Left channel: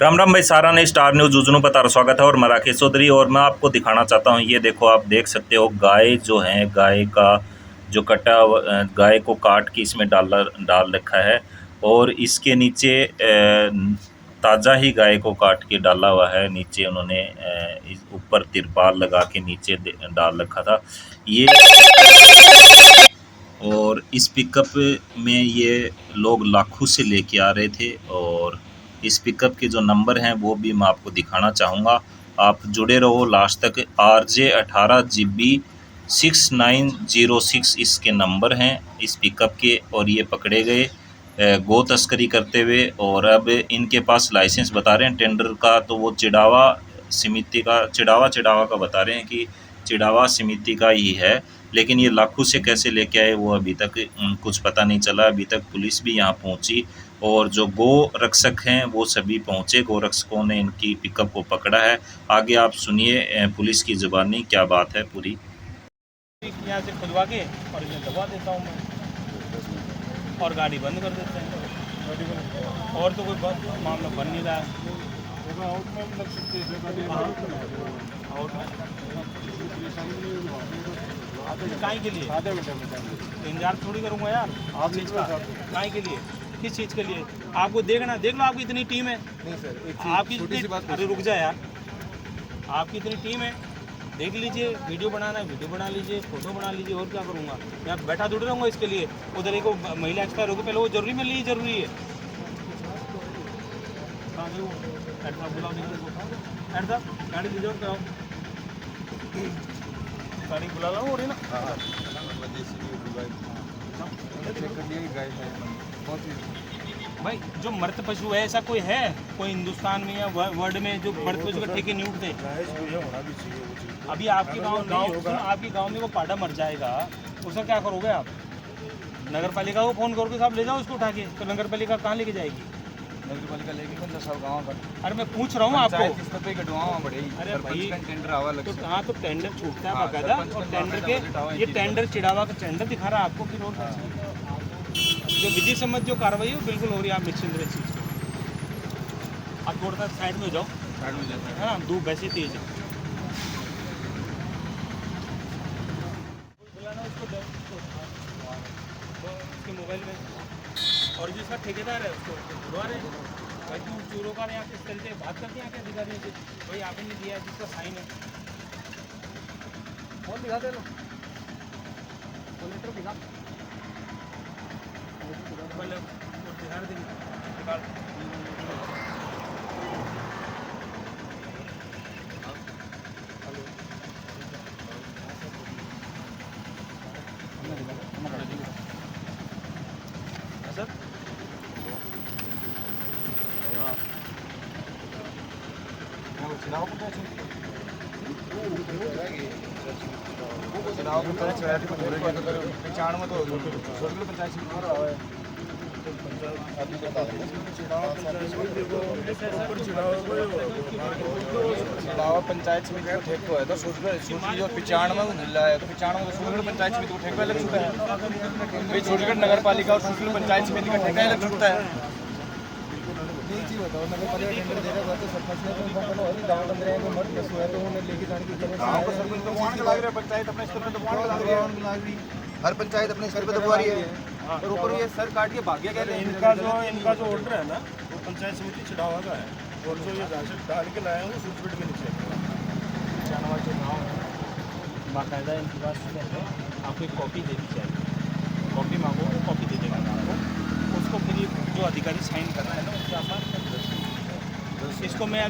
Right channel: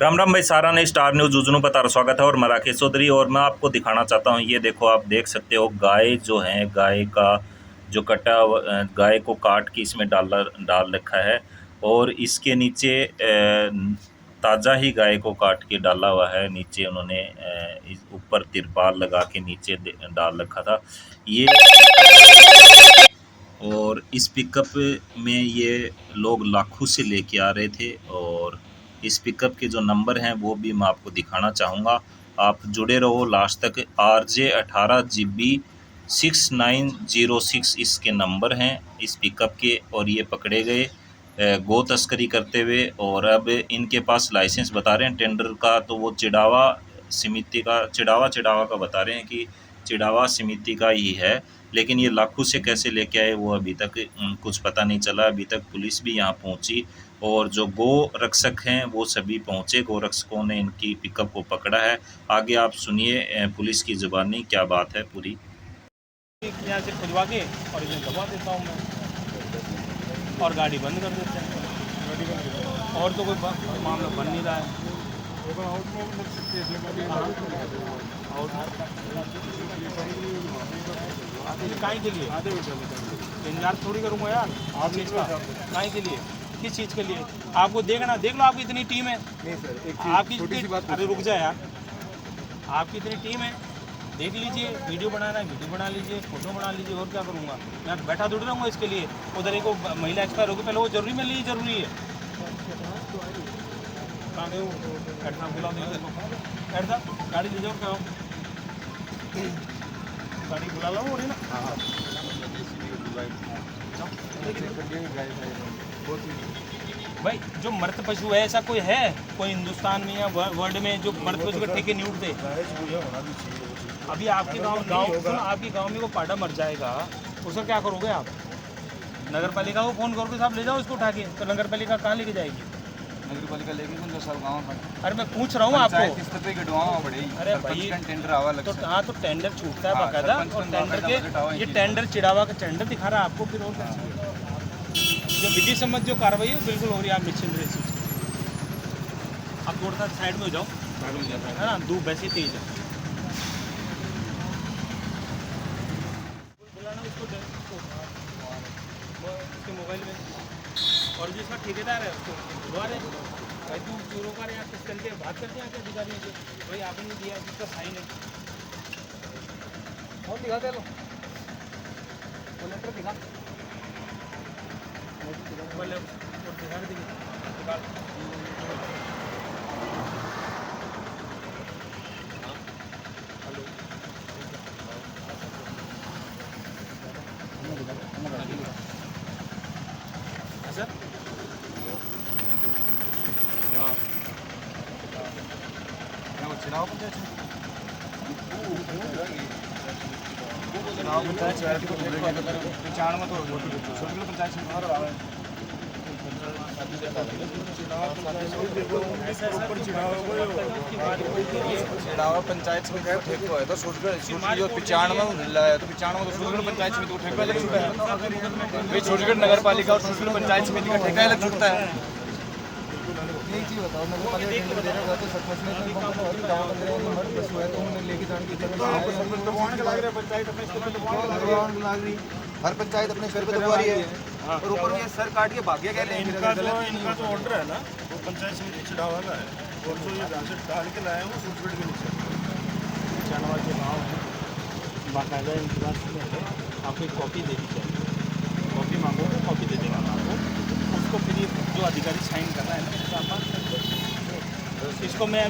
राम राम भाई, सारा ने स्टार न्यूज़ जुजनू पर स्वागत है। और मैं राकेश चौधरी, और मैं आपको दिखाना चाहता हूँ। ये देखो, आप देख सकते हो गाय जो है, गाय का जो गाय को काट के इसमें डाल रखा है। और इसके नीचे ताज़ा ही गाय को काट के डाला हुआ है। नीचे उन्होंने ऊपर तिरपाल लगा के नीचे डाल रखा था ये। और इस पिकअप में ये लोग लाखों से लेके आ रहे थे। और इस पिकअप के जो नंबर हैं वो भी मैं आपको दिखाना चाहूँगा। आप जुड़े रहो लास्ट तक। RJ18GB6906 इसके नंबर हैं इस पिकअप के। और ये पकड़े गए गो तस्करी करते हुए। और अब इनके पास लाइसेंस बता रहे हैं टेंडर का, तो वो चिड़ावा का बता रहे हैं कि चिड़ावा समिति का ही है। लेकिन ये लाखों से कैसे लेके आए वो अभी तक कुछ पता नहीं चला। अभी तक पुलिस भी यहाँ पहुँची और जो गो रक्षक हैं वो सभी पहुँचे। गो रक्षकों ने इनकी पिकअप को पकड़ा है। आगे आप सुनिए पुलिस की ज़ुबानी क्या बात है पूरी। यहाँ से खुदवा के और इन्हें दबा देता हूँ मैं, और गाड़ी बंद कर देते हैं। और तो कोई मामला बन नहीं रहा है। काहे के लिए इंतजार थोड़ी करूँगा यार, आप चीज़ का काहे के लिए, किस चीज़ के लिए? आपको देखना, देख लो, आपकी इतनी टीम है। नहीं सर, आपकी अरे रुक जाए यार, आपकी इतनी टीम है, देख लीजिए। वीडियो बनाना है वीडियो बना लीजिए, फोटो बना लीजिए, और क्या करूँगा? यहाँ बैठा थोड़ी रहूँगा इसके लिए। उधर एक महिला एक्सपायर होगी, पहले वो जरूरी मिलनी ही जरूरी है। बुला गाड़ी ले जाओ, क्या गाड़ी बुला लो हो रही ना। भाई जो मृत पशु है, ऐसा कोई है कोई हिंदुस्तान में या वर्ल्ड में जो मृत पशु का ठेके नहीं उठते? अभी आपके गांव में वो पाड़ा मर जाएगा, उसका क्या करोगे आप? नगर पालिका को फोन करोगे, साहब ले जाओ इसको उठा के, तो नगर पालिका कहाँ लेके जाएगी? नगर पालिका लेगी 15 साल गाँव पर। अरे मैं पूछ रहा हूँ आपको, स्तर पे कटवाओ पड़ेगी। अरे भाई टेंडर आवा लग तो हाँ, तो टेंडर छूटता है बाकायदा। और टेंडर के ये टेंडर चिड़ावा का टेंडर दिखा रहा है आपको। फिर और जो विधि सम्मत जो कार्रवाई है बिल्कुल हो रही है, आप निश्चिंत रहिए। आप थोड़ा सा साइड में हो जाओ, है ना, धूप वैसे ही तेज है। बुलाना उसको उसके मोबाइल में, और जिसका ठेकेदार है उसको बुलवा रहे। भाई तुम चोरों का यहाँ किस तरीके बात करते हैं क्या अधिकारियों से? भाई आपने नहीं दिया है, जिसका साइन है और दिखा दे लो, दिखा मतलब और दिखा देंगे, निकाल। हेलो सर, क्या वो चिड़ाव पंचायत में तो पंचायत चिड़ावा पंचायत समिति को ठेको है, तो छोटी जो 95 मिला है, तो 95 तो छूटगढ़ पंचायत समिति को ठेका अलग छूटा है भाई। छूटगढ़ नगर पालिका और छूटगढ़ पंचायत समिति का ठेका अलग छूटता है। यही चीज़ बताओ, नगर पालिका टेंडर दे रहा हुआ तो सरपंच ने तो और गाँव बन रहे हैं जो मर्द पशु है तो उन्हें लेके जाने की सरपंच तो वहाँ लग रहा है, पंचायत अपने स्तर पर दबा रही है, हर पंचायत अपने स्तर पर दबा रही है। और ऊपर ये सर काट के भाग्य कहते हैं। इनका जो ऑर्डर है ना वो पंचायत समिति चिड़ावा का है, और जो ये राशन डाल के लाए हैं वो सूटफीट के नीचे जानवर जो गाँव है बाकायदा इनके पास आपको एक कॉपी दे दी जाएगी। कॉपी मांगोगे, कॉपी दे देगा आपको, उसको फिर जो अधिकारी साइन कर रहा है ना उससे आप बात कर, इसको मैं